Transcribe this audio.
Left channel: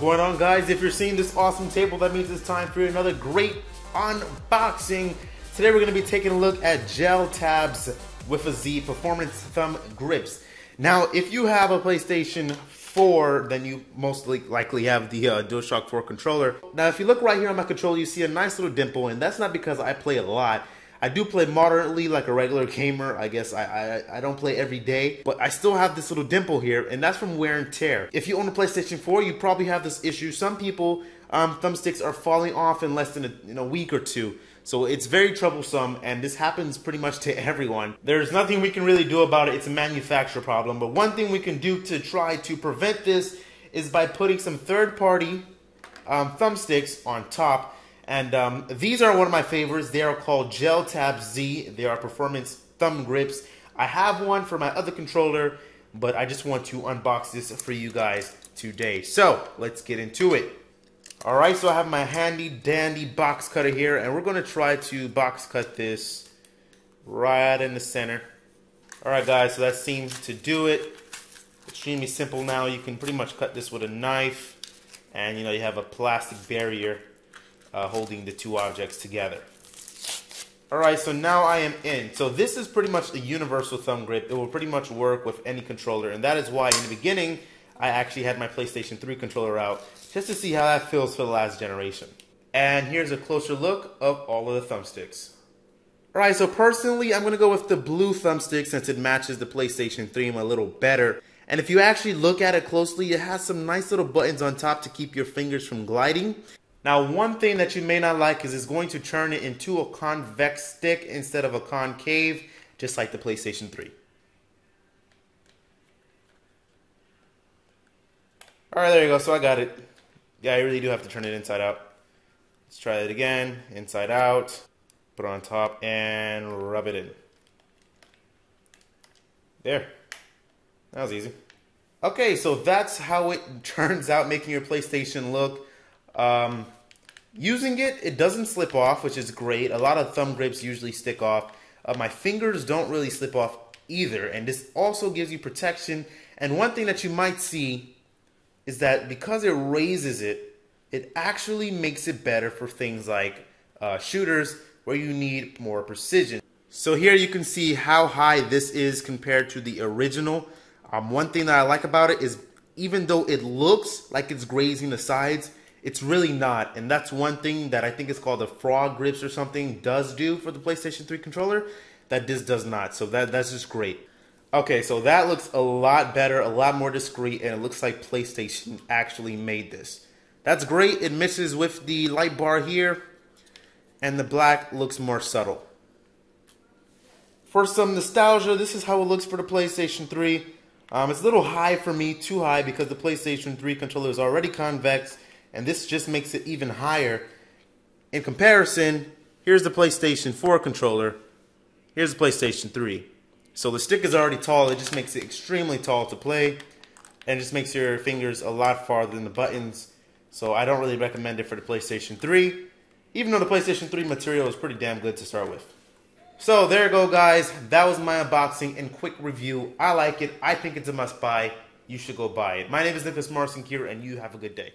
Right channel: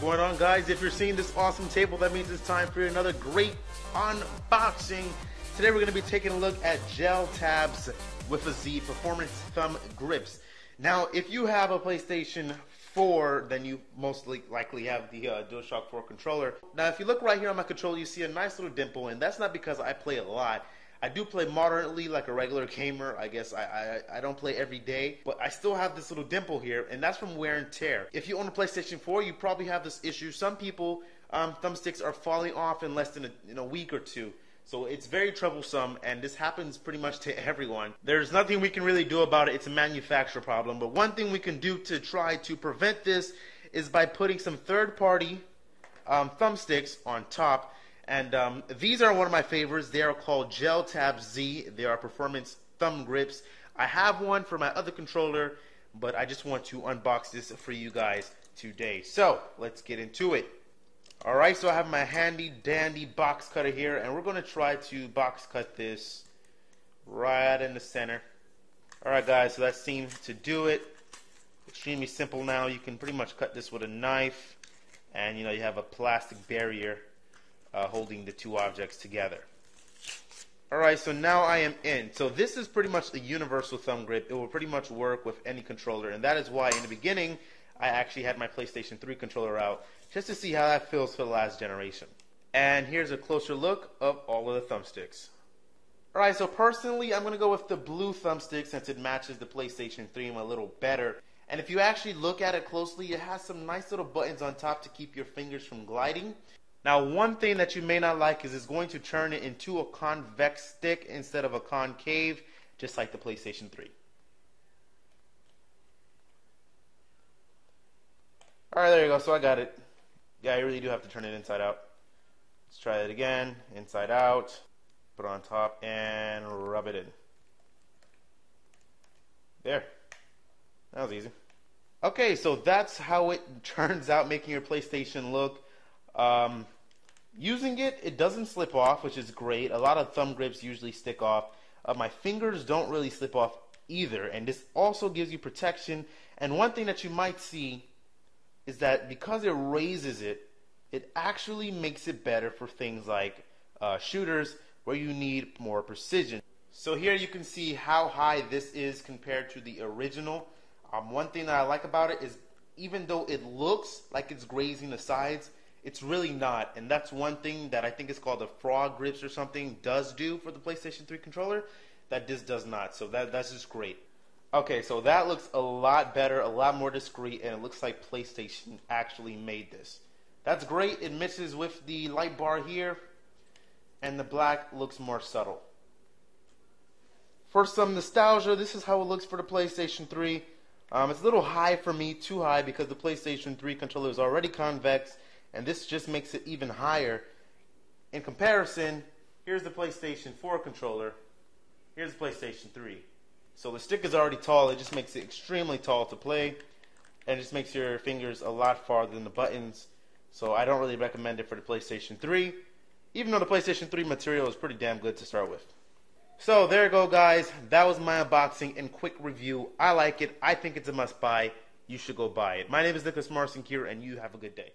going on, guys? If you're seeing this awesome table, that means it's time for another great unboxing. Today we're going to be taking a look at Gel Tabz with a Z performance thumb grips. Now, if you have a PlayStation 4, then you most likely have the DualShock 4 controller. Now, if you look right here on my controller, you see a nice little dimple, and that's not because I play a lot. I do play moderately like a regular gamer. I guess I don't play every day, but I still have this little dimple here, and that's from wear and tear. If you own a PlayStation 4, you probably have this issue. Some people, thumbsticks are falling off in less than a week or two. So it's very troublesome, and this happens pretty much to everyone. There's nothing we can really do about it. It's a manufacturer problem. But one thing we can do to try to prevent this is by putting some third-party thumbsticks on top. And these are one of my favorites. They are called Gel Tabz Z. They are performance thumb grips. I have one for my other controller, but I just want to unbox this for you guys today. So let's get into it. Alright, so I have my handy dandy box cutter here, and we're going to try to box cut this right in the center. Alright guys, so that seems to do it. Extremely simple now. You can pretty much cut this with a knife, and you have a plastic barrier holding the two objects together. Alright, so now I am in. So this is pretty much a universal thumb grip. It will pretty much work with any controller, and that is why in the beginning I actually had my PlayStation 3 controller out just to see how that feels for the last generation. And here's a closer look of all of the thumbsticks. Alright, so personally I'm going to go with the blue thumbstick since it matches the PlayStation 3 a little better. And if you actually look at it closely, it has some nice little buttons on top to keep your fingers from gliding. Now, one thing that you may not like is it's going to turn it into a convex stick instead of a concave, just like the PlayStation 3. Alright, there you go. So I got it. Yeah, I really do have to turn it inside out. Let's try it again. Inside out. Put it on top and rub it in. There. That was easy. Okay, so that's how it turns out, making your PlayStation look. Using it, it doesn't slip off, which is great. A lot of thumb grips usually stick off. My fingers don't really slip off either, and this also gives you protection. And one thing that you might see is that because it raises it, it actually makes it better for things like shooters where you need more precision. So here you can see how high this is compared to the original. One thing that I like about it is even though it looks like it's grazing the sides, it's really not. And that's one thing that I think is called the frog grips or something does do for the PlayStation 3 controller that this does not. So that's just great. Okay, so that looks a lot better, a lot more discreet, and it looks like PlayStation actually made this. That's great. It mixes with the light bar here, and the black looks more subtle. For some nostalgia, this is how it looks for the PlayStation 3. It's a little high for me, too high, because the PlayStation 3 controller is already convex, and this just makes it even higher. In comparison, here's the PlayStation 4 controller. Here's the PlayStation 3. So the stick is already tall. It just makes it extremely tall to play, and just makes your fingers a lot farther than the buttons. So I don't really recommend it for the PlayStation 3, even though the PlayStation 3 material is pretty damn good to start with. So there you go, guys. That was my unboxing and quick review. I like it. I think it's a must buy. You should go buy it. My name is Nicholas Morrison here, and you have a good day.